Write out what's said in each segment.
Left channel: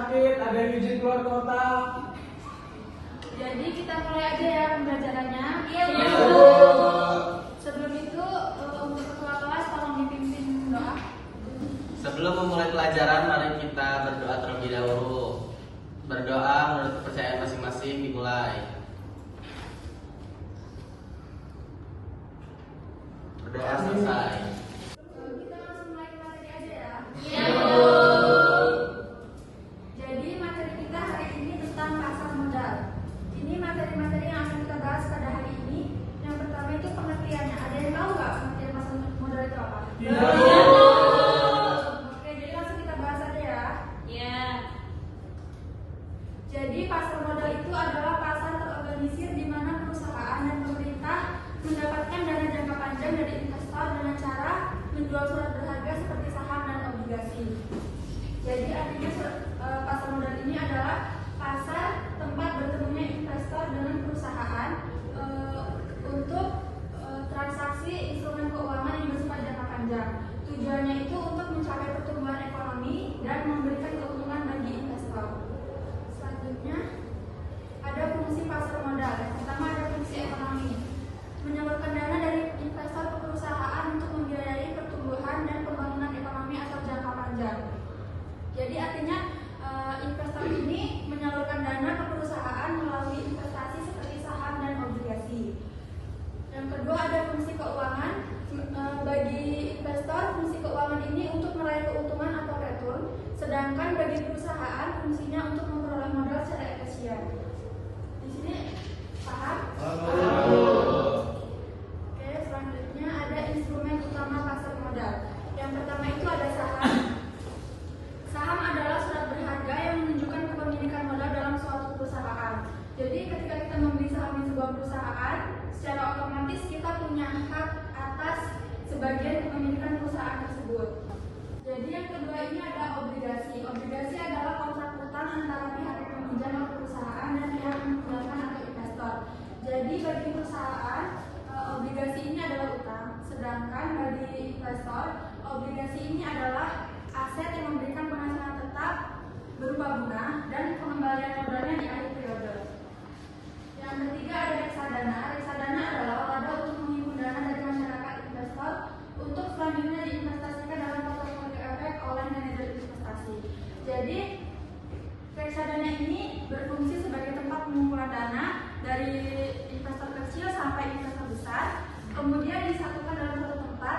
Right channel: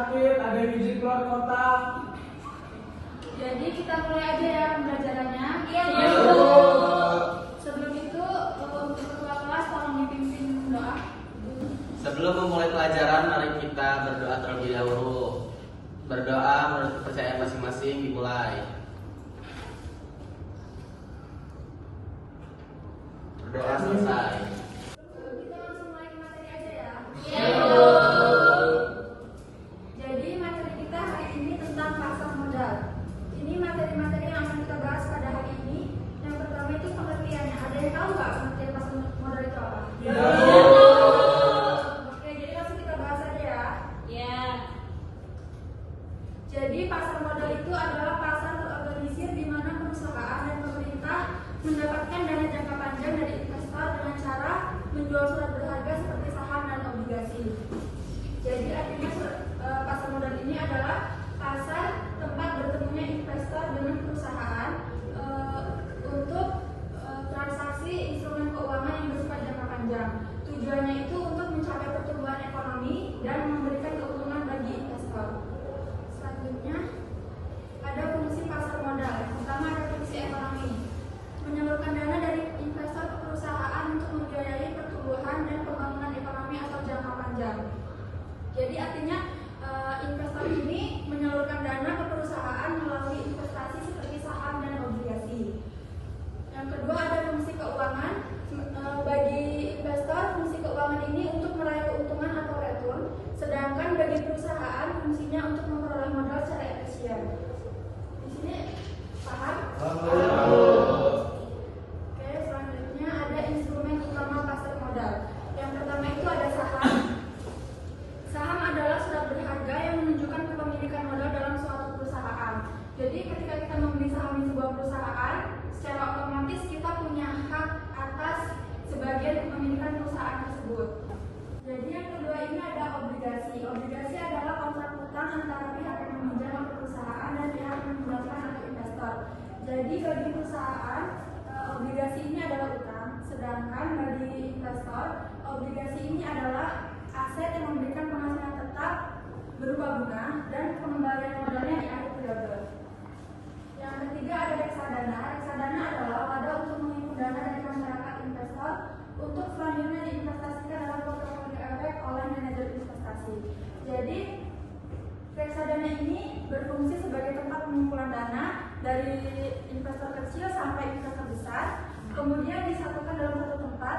sakit, ada yang izin keluar kota. Jadi kita mulai aja ya pembelajarannya. Iya, Bu. Sebelum itu untuk ketua kelas tolong dipimpin doa. Sebelum memulai pelajaran, mari kita berdoa terlebih dahulu. Berdoa menurut kepercayaan masing-masing dimulai. Berdoa selesai. Kita langsung mulai ke materi aja ya. Iya, Bu. Jadi materi kita hari ini tentang pasar modal. Ini materi-materi yang akan kita bahas pada hari ini. Yang pertama itu pengertiannya. Ada yang tahu nggak pengertian pasar modal itu apa? Oke, jadi langsung kita bahas aja ya. Iya. Jadi pasar modal itu adalah pasar terorganisir di mana perusahaan dan pemerintah mendapatkan dana jangka panjang dari investor dengan cara menjual surat berharga seperti saham dan obligasi. Jadi artinya pasar modal ini adalah pasar tempat bertemunya investor dengan perusahaan untuk transaksi instrumen keuangan yang bersifat jangka panjang. Tujuannya itu untuk mencapai pertumbuhan ekonomi dan memberikan keuntungan bagi investor. Selanjutnya ada fungsi pasar modal. Yang pertama ada fungsi ekonomi, menyalurkan dana dari investor ke perusahaan untuk membiayai pertumbuhan dan pembangunan ekonomi atau jangka panjang. Jadi artinya investor ini menyalurkan dana ke perusahaan melalui investasi seperti saham dan obligasi. Yang kedua ada fungsi keuangan. Bagi investor fungsi keuangan ini untuk meraih keuntungan atau return, sedangkan bagi perusahaan fungsinya untuk memperoleh modal secara efisien. Di sini paham? Oke, selanjutnya ada instrumen utama pasar modal. Yang pertama itu ada saham. Saham adalah surat berharga yang menunjukkan kepemilikan modal dalam suatu perusahaan. Jadi ketika kita membeli saham di sebuah perusahaan, secara otomatis kita punya hak atas sebagian kepemilikan perusahaan tersebut. Jadi yang kedua ini ada obligasi. Obligasi adalah kontrak utang antara pihak yang meminjam atau perusahaan dan pihak yang mengembalikan atau investor. Jadi bagi perusahaan obligasi ini adalah utang, sedangkan bagi investor obligasi ini adalah aset yang memberikan penghasilan tetap berupa bunga dan pengembalian modalnya di akhir periode. Yang ketiga ada reksadana. Reksadana adalah wadah untuk menghimpun dana dari masyarakat investor untuk selanjutnya diinvestasikan dalam portofolio efek oleh manajer investasi. Jadi reksadana ini berfungsi sebagai tempat pengumpulan dana dari investor kecil sampai investor besar, kemudian disatukan dalam satu tempat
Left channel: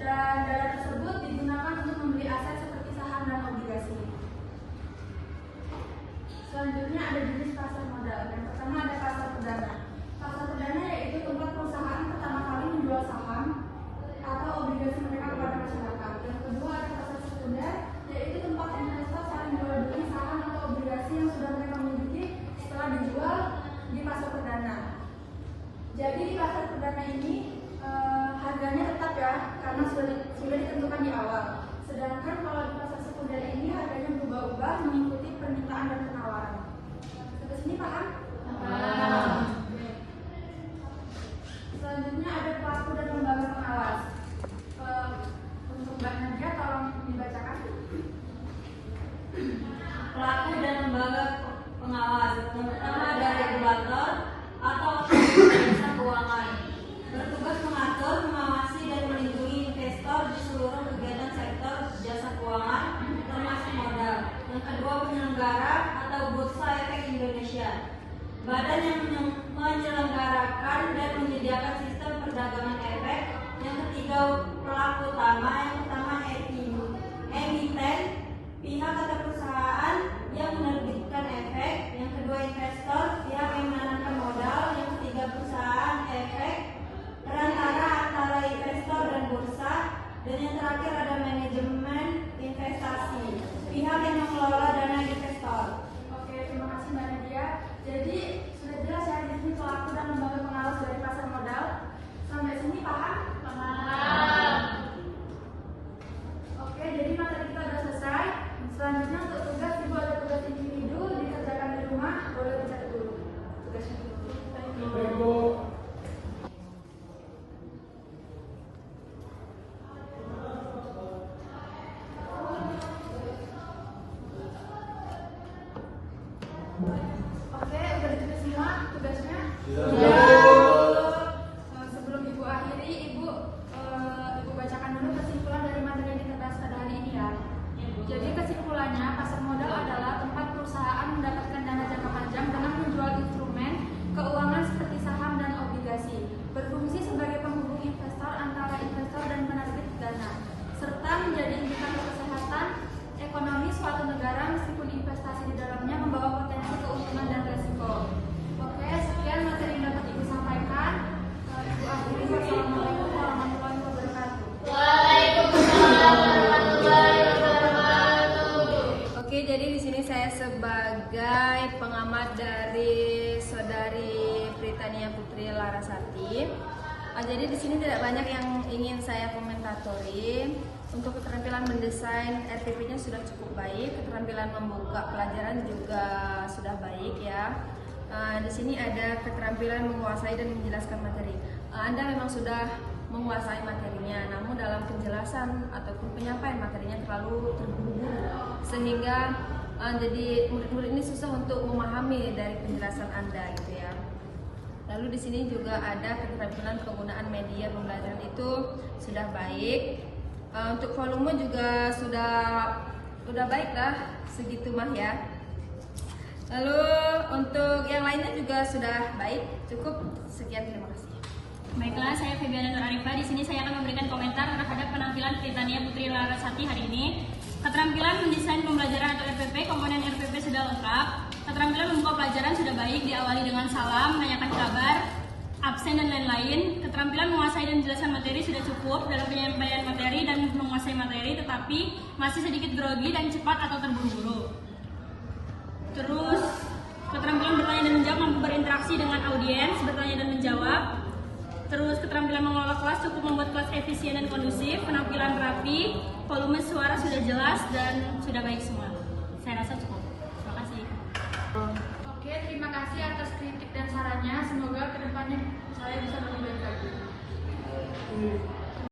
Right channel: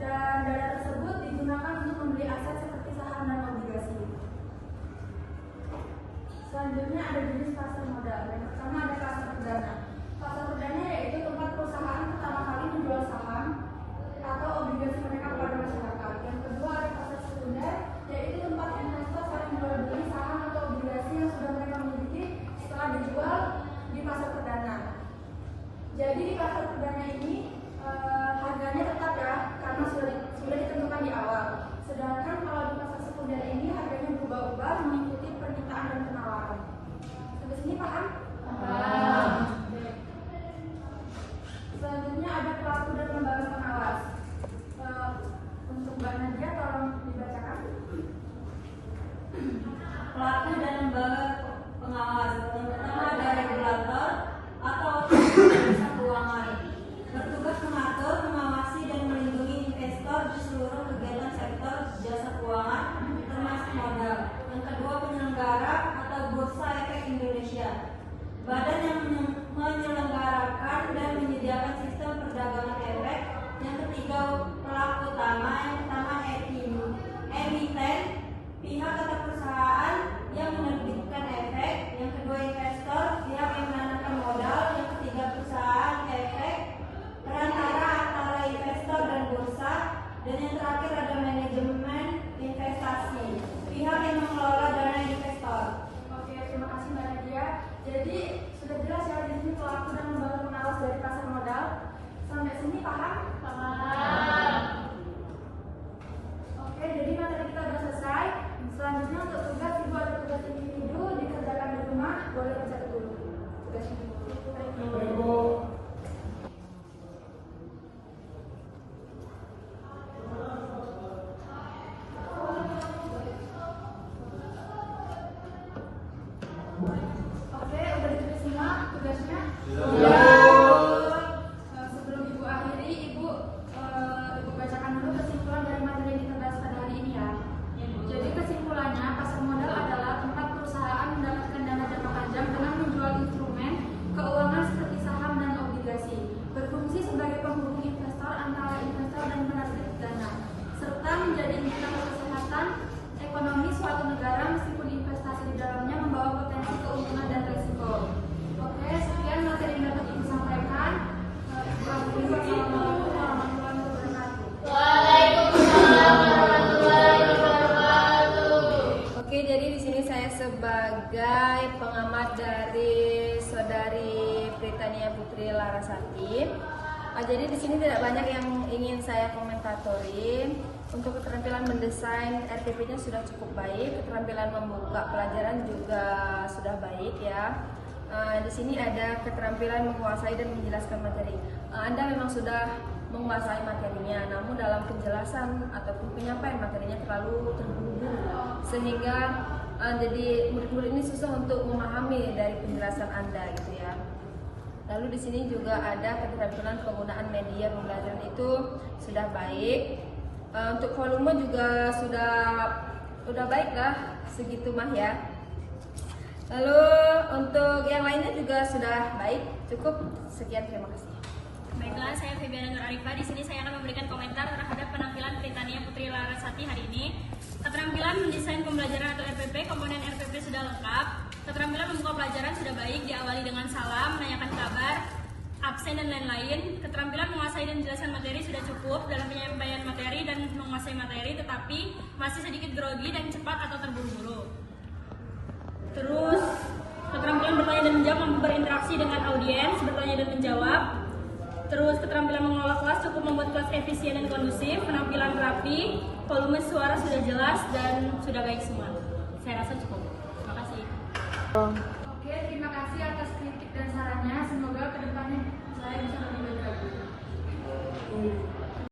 dan dana tersebut digunakan untuk membeli aset seperti saham dan obligasi. Selanjutnya ada jenis pasar modal. Yang pertama ada pasar perdana. Pasar perdana yaitu tempat perusahaan pertama kali menjual saham atau obligasi mereka kepada masyarakat. Yang kedua ada pasar sekunder, yaitu tempat investor saling jual beli saham atau obligasi yang sudah mereka miliki setelah dijual di pasar perdana. Jadi di pasar perdana ini harganya tetap ya, karena sudah ditentukan di awal. Sedangkan kalau di pasar sekunder ini harganya berubah-ubah mengikuti permintaan dan penawaran. Sampai sini paham? Paham. Selanjutnya ada pelaku dan lembaga pengawas. Untuk Mbak Nadia tolong dibacakan. Pelaku dan lembaga pengawas. Yang pertama ada regulator atau otoritas jasa keuangan. Bertugas mengatur, mengawasi dan melindungi investor di seluruh kegiatan sektor jasa keuangan, termasuk modal. Yang kedua penyelenggara atau Bursa Efek Indonesia. Badan yang menyelenggarakan dan menyediakan sistem perdagangan efek. Yang ketiga pelaku utama. Yang pertama emiten, pihak atau perusahaan yang menerbitkan efek. Yang kedua investor, pihak yang menanamkan modal. Yang ketiga perusahaan efek, perantara antara investor dan bursa. Dan yang terakhir ada manajemen investasi, pihak yang mengelola dana investor. Oke, terima kasih Mbak Nadia. Jadi sudah jelas ya di sini pelaku dan lembaga pengawas dari pasar modal. Sampai sini paham? Paham. Oke, jadi materi kita sudah selesai. Selanjutnya untuk tugas Ibu ada Oke, udah ditulis semua tugasnya? Iya. Sebelum Ibu akhiri, Ibu bacakan dulu kesimpulan dari materi yang diterdaskan hari ini ya. Jadi kesimpulannya, pasar modal adalah tempat perusahaan mendapatkan dana jangka panjang dengan menjual instrumen keuangan seperti saham dan obligasi, berfungsi sebagai penghubung investor antara investor dan penerbit dana, serta menjadi indikator kesehatan ekonomi suatu negara meskipun investasi di dalamnya membawa potensi keuntungan dan resiko. Oke, sekian materi yang dapat Ibu sampaikan. Wassalamualaikum warahmatullahi wabarakatuh. Oke, jadi di sini saya sebagai pengamat dari Saudari Pritania Putri Larasati. Jadi di sini tidak banyak yang ingin saya komentatori. Untuk keterampilan mendesain RPP-nya sudah cukup baik, keterampilan membuka pelajaran juga sudah baik ya. Di sini ada keterampilan menguasai dan menjelaskan materi. Anda memang sudah menguasai materinya, namun dalam penjelasan ataupun penyampaian materinya terlalu terburu-buru sehingga jadi murid-murid ini susah untuk memahami dari penjelasan Anda gitu ya. Lalu di sini juga ada keterampilan penggunaan media pembelajaran itu sudah baik. Untuk volume juga sudah baik lah segitu mah ya. Lalu untuk yang lainnya juga sudah baik. Cukup sekian, terima kasih. Baiklah, saya Febiana Nur Arifah. Di sini saya akan memberikan komentar terhadap penampilan Pritania Putri Larasati hari ini. Keterampilan mendesain pembelajaran atau RPP, komponen RPP sudah lengkap. Keterampilan membuka pelajaran sudah baik, diawali dengan salam, menanyakan kabar, absen dan lain-lain. Keterampilan menguasai dan menjelaskan materi sudah cukup dalam penyampaian materi dan menguasai materi, tetapi masih sedikit grogi dan cepat atau terburu-buru. Terus keterampilan bertanya dan menjawab, mampu berinteraksi dengan audiens, bertanya dan menjawab. Terus keterampilan mengelola kelas cukup membuat kelas efisien dan kondusif, penampilan rapi, volume suara sudah jelas dan sudah baik semua. Saya rasa cukup. Terima kasih. Oke, terima kasih atas kritik dan sarannya. Semoga kedepannya saya bisa lebih baik lagi.